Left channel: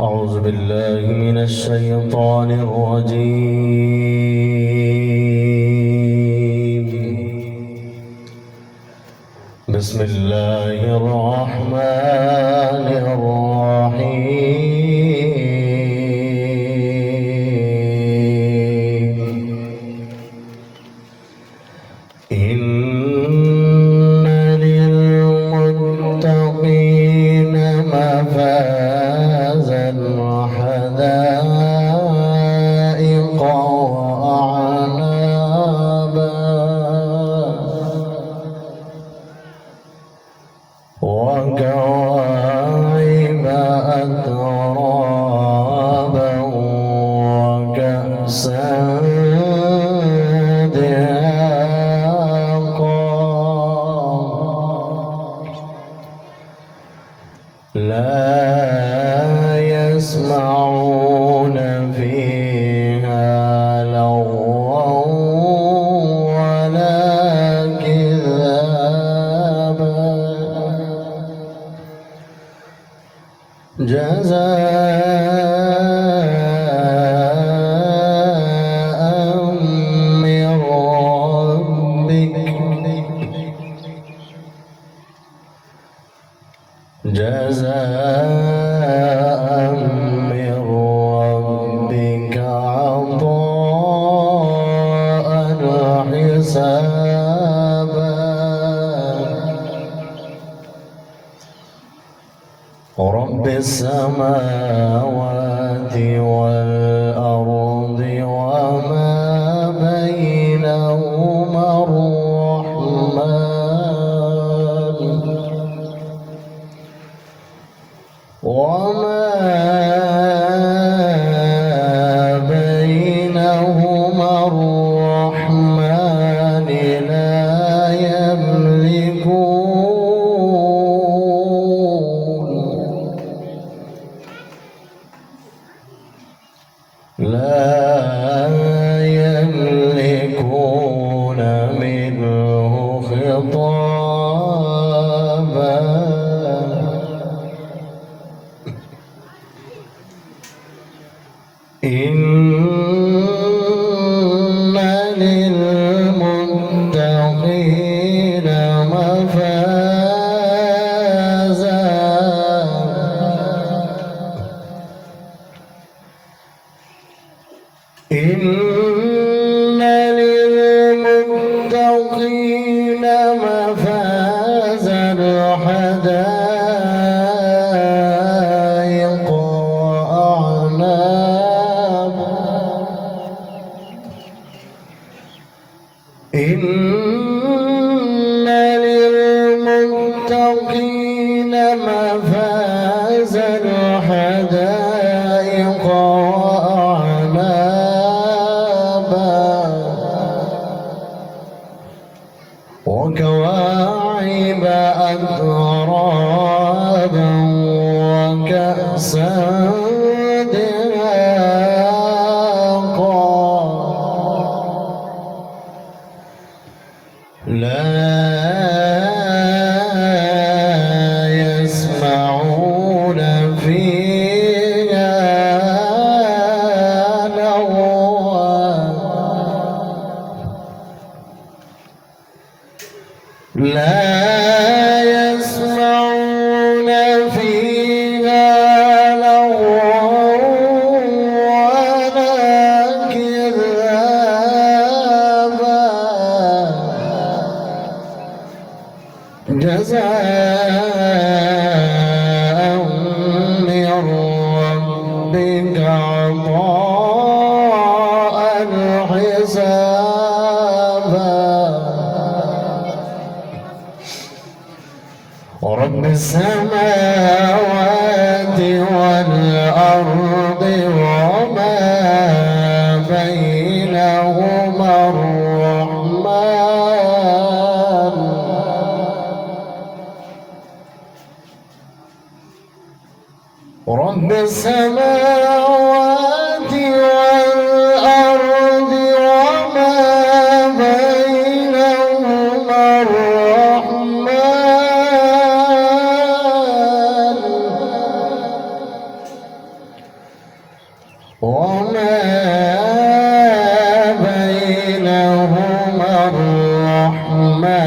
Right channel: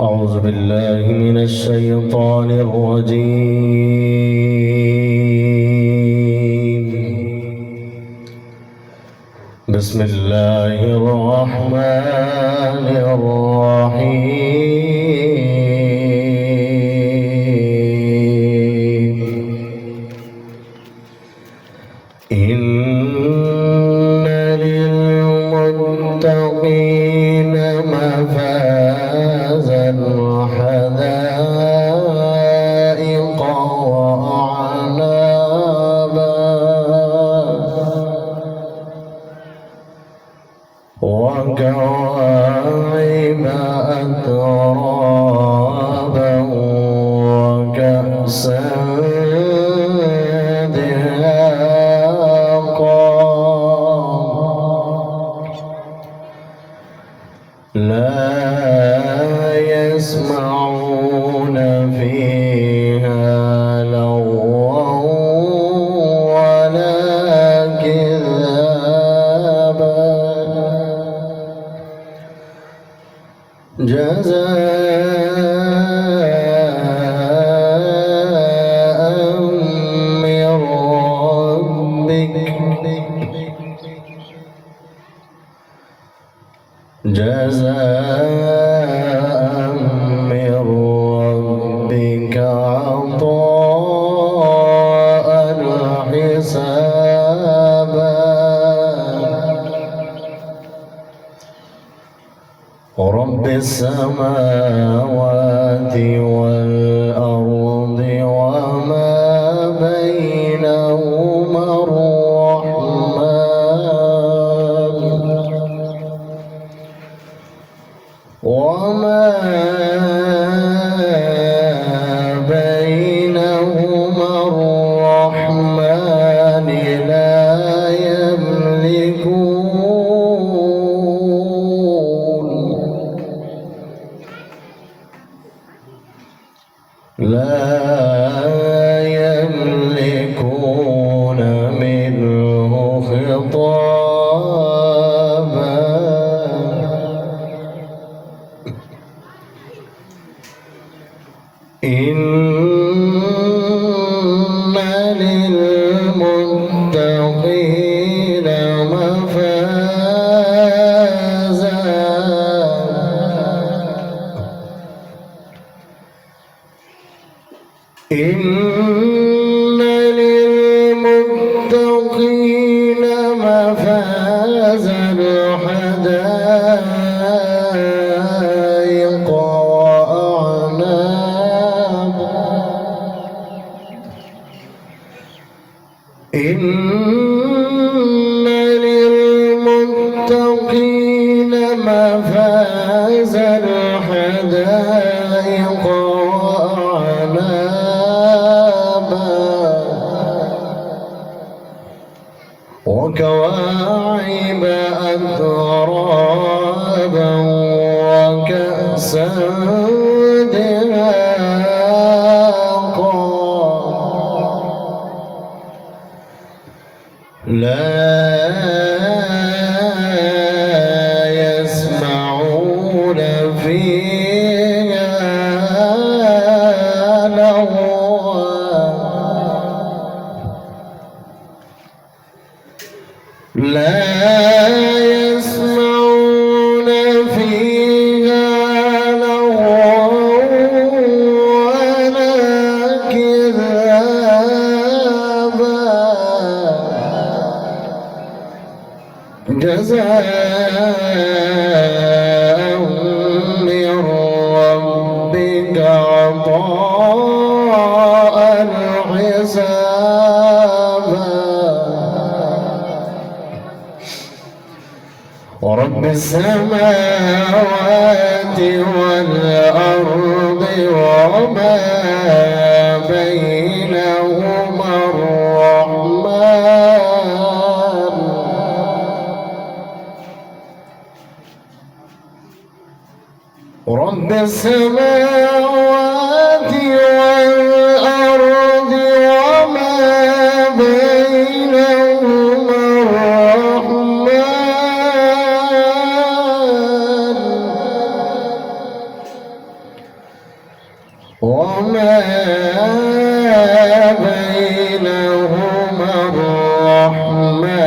أعوذ بالله من الشيطان الرجيم. بسم الله الرحمن الرحيم. إن للمتقين مفازا حدائق وأعنابا وكواعب أترابا وكأسا لا يسمعون فيها لغوا ولا كذابا جزاء من ربك جزاء من ربك عطاء حسابا رب السماوات والأرض وما بينهما الرحمن وما بينهما الرحمن لا يملكون منه خطابا إن للمتقين مفازا إن للمتقين مفازا حدائق وأعنابا إن للمتقين مفازا حدائق وأعنابا وكواعب أترابا وكأسا دهاقا لا يسمعون فيها لغوا لا يسمعون فيها لغوا ولا كذابا جزاء من ربك عطاء حسابا ورب السماوات والأرض وما بينهما الرحمن رب السماوات والأرض وما بينهما الرحمن وما بينهما الرحمن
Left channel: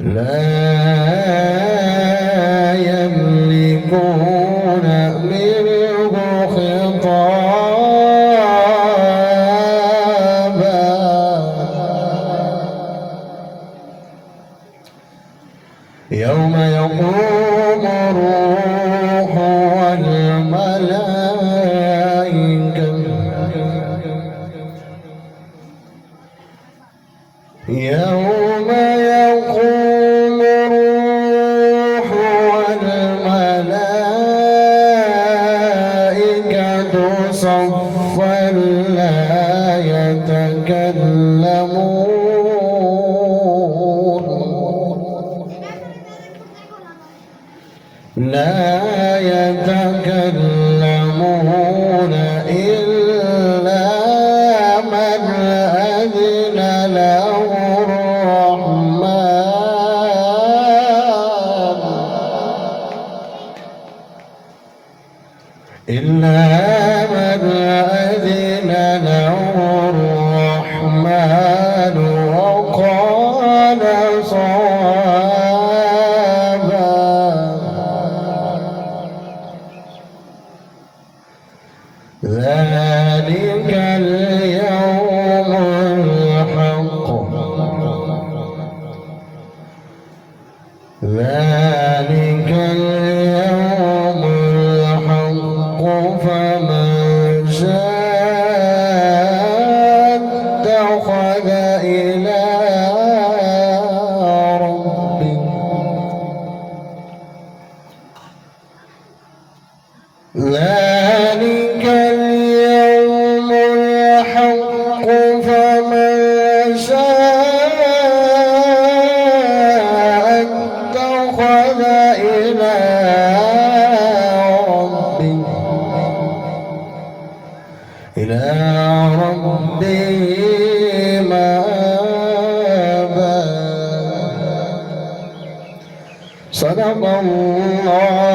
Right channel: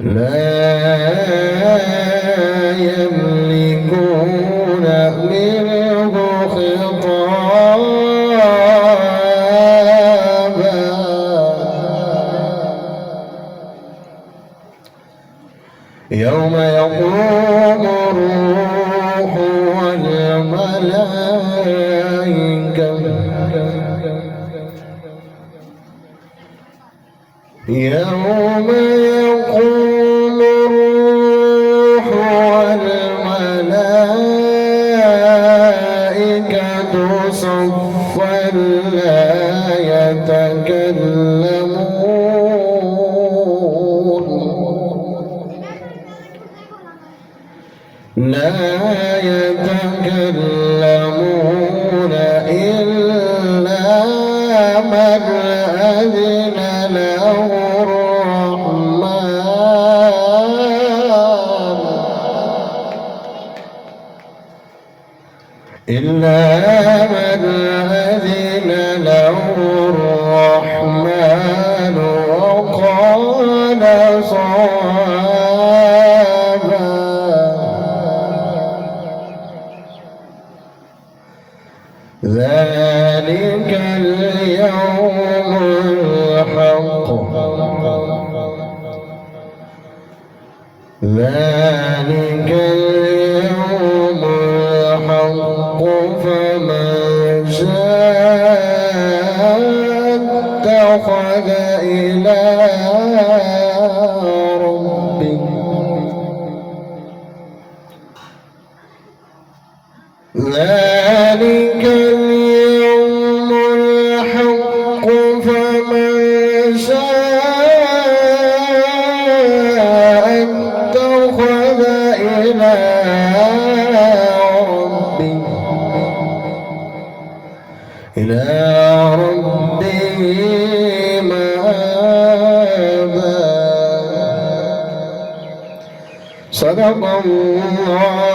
لا يملكون منه خطابا يوم يقوم الروح والملائكة يوم يقوم الروح والملائكة صفا لا يتكلمون إلا من أذن له الرحمن وقال صوابا ذلك اليوم الحق فمن شاء اتخذ إلى ربه ذلك اليوم الحق فمن شاء اتخذ إلى ربه مآبا صدق الله